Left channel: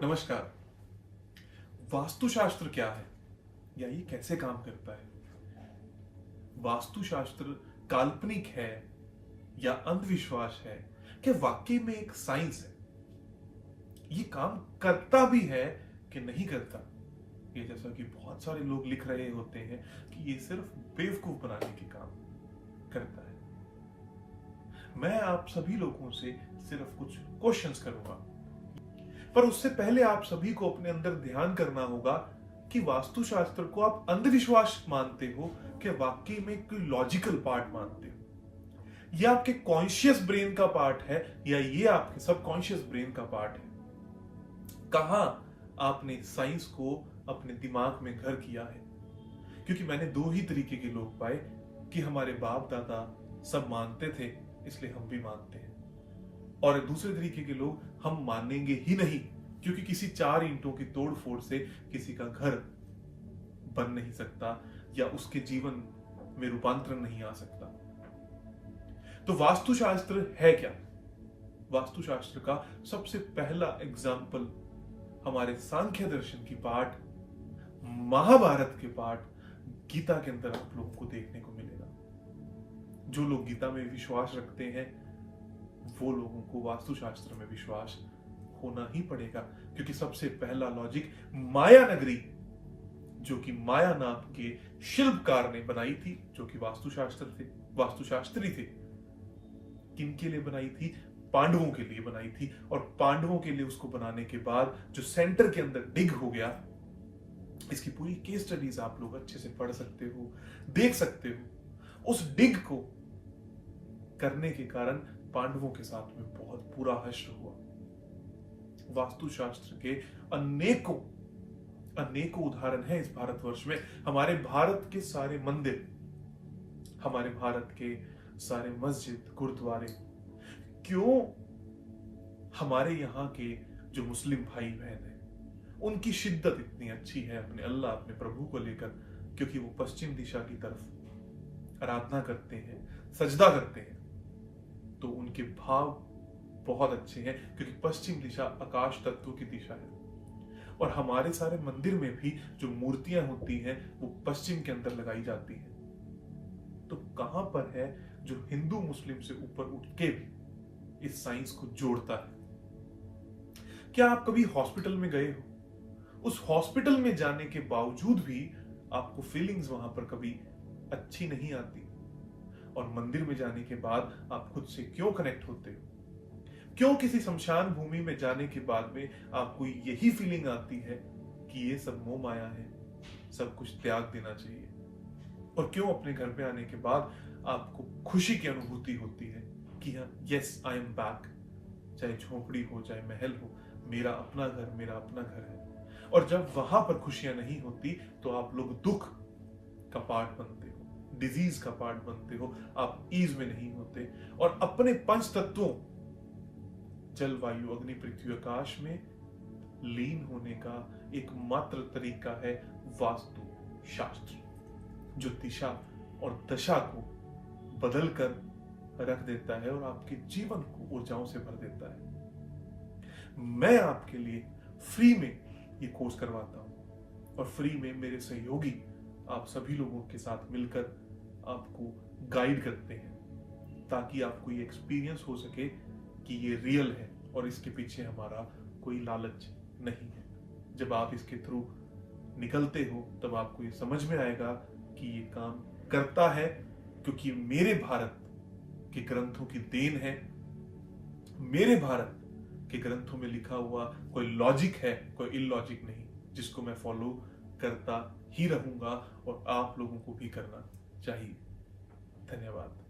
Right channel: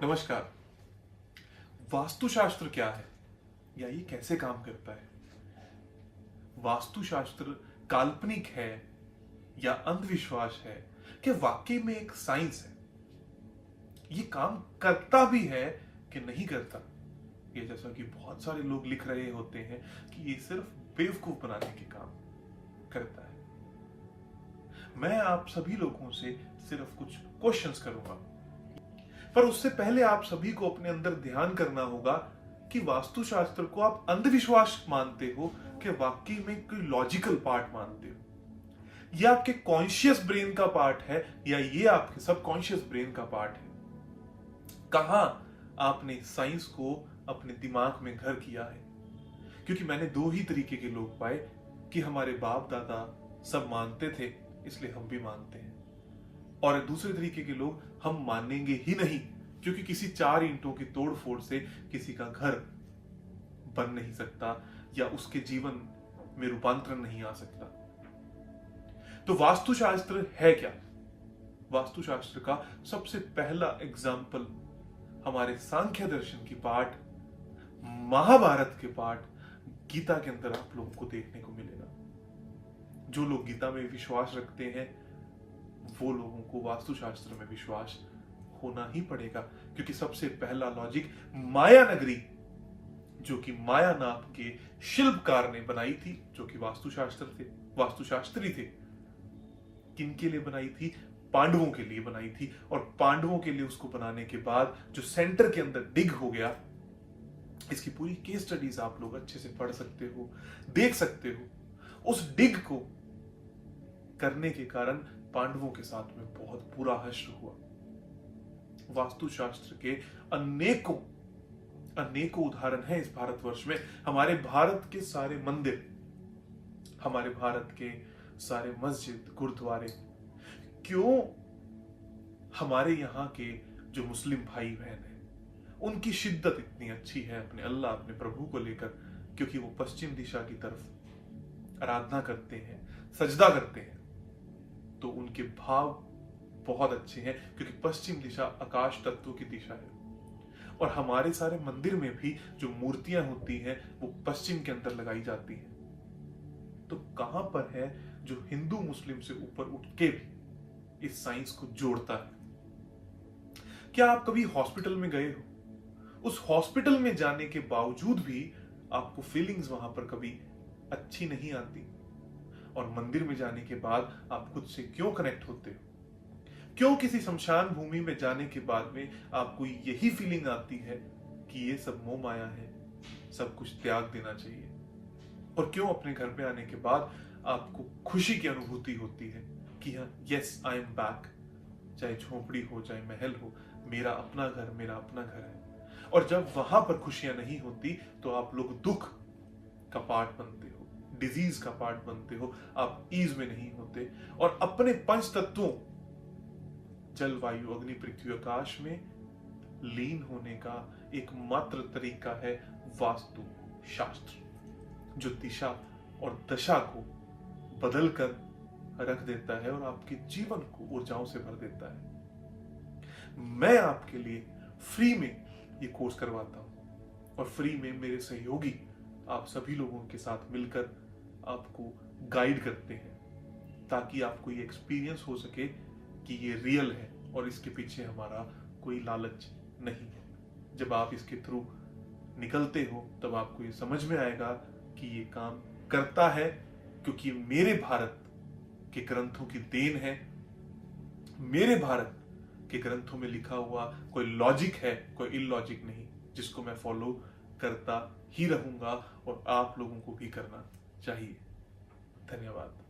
नमस्कार। वास्तुशास्त्र क्या है या ये कैसे काम करता है? वास्तुशास्त्र काल्पनिक है या अंधविश्वास है कि वाकई में एक साइंस है? ये काम करता भी है कि नहीं करता? ये जैसा कि बहुत सारे लोग लिख रहे होते हैं कि ये सिर्फ बेवकूफ बनाने के काम करता है। मैं आप सभी लोगों से सिर्फ कुछ क्वेश्चंस करूंगा, पर उससे पहले आप सभी को अपने अंदर ध्यान करना होगा कि वास्तुशास्त्र को आप अंधविश्वास मानते हो कि वाकई में कोई लॉजिकल पार्ट मानते हो। ये आपके कॉन्शियस ब्रेन का पार्ट है या ये आपके सबकॉन्शियस ब्रेन का पार्ट है? कहां आपने साइंस को अपने दिमाग में घर किया है? क्योंकि मैंने दो ही तरीके के लोग पाए कि हमारे बाप दादा सब मानते थे इसलिए हम भी मानते हैं, और दूसरे तरीके के लोग हम मानेंगे ही नहीं क्योंकि किसी चार ईंटों की तोड़फोड़ से किसी का घर बन नहीं सकता या उसके जीवन में रूपांतरण नहीं आ सकता। तो वास्तुशास्त्र है क्या? वास्तुशास्त्र का सबसे पहला एग्जाम्पल हमारे सांख्य दर्शन की पाठ, महाभारत के पाठ, गीता के अंदर आप लोगों को देखने को मिलेगा। जो लोग गीता में विश्वास रखते हैं वो लोगों को वास्तुशास्त्र में विश्वास होना ही पड़ेगा, क्योंकि सबसे पहला लॉजिक माया नगरी जो कि माया नाम के शिल्पकार ने बनाई थी, जो कि वास्तुशास्त्री थे। किनके लिए बनाई थी? पांडवों के लिए बनाई थी। और पांडवों के लिए उसको बनाने के बाद जो सेंटर के अंदर डिग हो गया, इसकी पूरी केस स्टडीज आप लोग अच्छे से पढ़ सकते हो, देख सकते हो। उस डिग को करने के कारण पांडवों के साथ में बहुत बुरा हश्र हुआ। वास्तुशास्त्र के अनेकों उदाहरण हैं इस भारतवर्ष में। हमारे भारत के सारे मंदिर, हमारे भारत के सारे मस्जिद, गुरुद्वारे, क्यों हमारे यहाँ के जो मुस्लिम भाई बहन हैं उनकी शिद्दत इतनी अच्छी है अपने अल्लाह, अपने प्रभु को लेकर? क्योंकि वो पश्चिम दिशा की तरफ आराधना करते हैं, सजदा करते हैं, तो उनके भाव बहुत अच्छे हैं क्योंकि पश्चिम दिशा आकाश तत्व की दिशा है। और हमारे सारे मंदिर में भी जो मूर्तियां होती हैं वो पश्चिम के अंदर लगाई जाती हैं। तो कहां पर है जो हिंदू मुस्लिम से ऊपर उठ के भी इस साइंस को जोड़ता है? क्या आप कभी हॉस्पिटल में गए हो? उस हॉस्पिटल में जाने के बावजूद भी आपको फीलिंग्स वहां पर कभी अच्छी नहीं आती, और मंदिर में जाने के बाद आप खुद से क्यों कनेक्ट होते हो? क्यों किसी शमशान भूमि में जाने के बाद में आपको यही फीलिंग आती है कि ये सब मोह माया है, सब कुछ त्याग देना चाहिए? और क्यों अपने घर पे आने के बाद आपको खुशी की अनुभूति होती है कि हाँ, यस आई एम बैक? चाहे झोपड़ी हो चाहे महल हो, मेरा अपना घर, मेरा अपना घर है। और जब वहां पर खुशियां नहीं होती तो आप लोग दुख का पार्ट बनते हो, डिजीज का पार्ट बनते हो, आप ईज में नहीं होते। और अपने पंच तत्वों जल, वायु, अग्नि, पृथ्वी, आकाश में लीन होने का एकमात्र तरीका है वास्तु शास्त्र, जो दिशा और दशा को बदल कर रख देता है और आपके जीवन को ऊर्जाओं से भर देता है। मैं आपके लिए फ्री में ये कोर्स करवाता हूं, और फ्री में मेरे सहयोगी आप सभी लोगों के साथ मिलकर आपको गाइड करते हैं, ताकि आपको ये एक्सपीरियंस हो सके कि ये रियल है और इसके पीछे हमारा कोई लालच नहीं है। जब आप इसके थ्रू निकलते हो तब आपको ये समझ में आएगा कि ये काम करता है, क्योंकि मेरे भारत के ग्रंथों की देन है। मेरे भारत के ग्रंथों में लिखा हुआ कोई लॉजिक है, कोई इलॉजिक नहीं, जिसको मैं फॉलो करता ही रहूंगा और आप लोगों को भी करना चाहिए। धन्यवाद।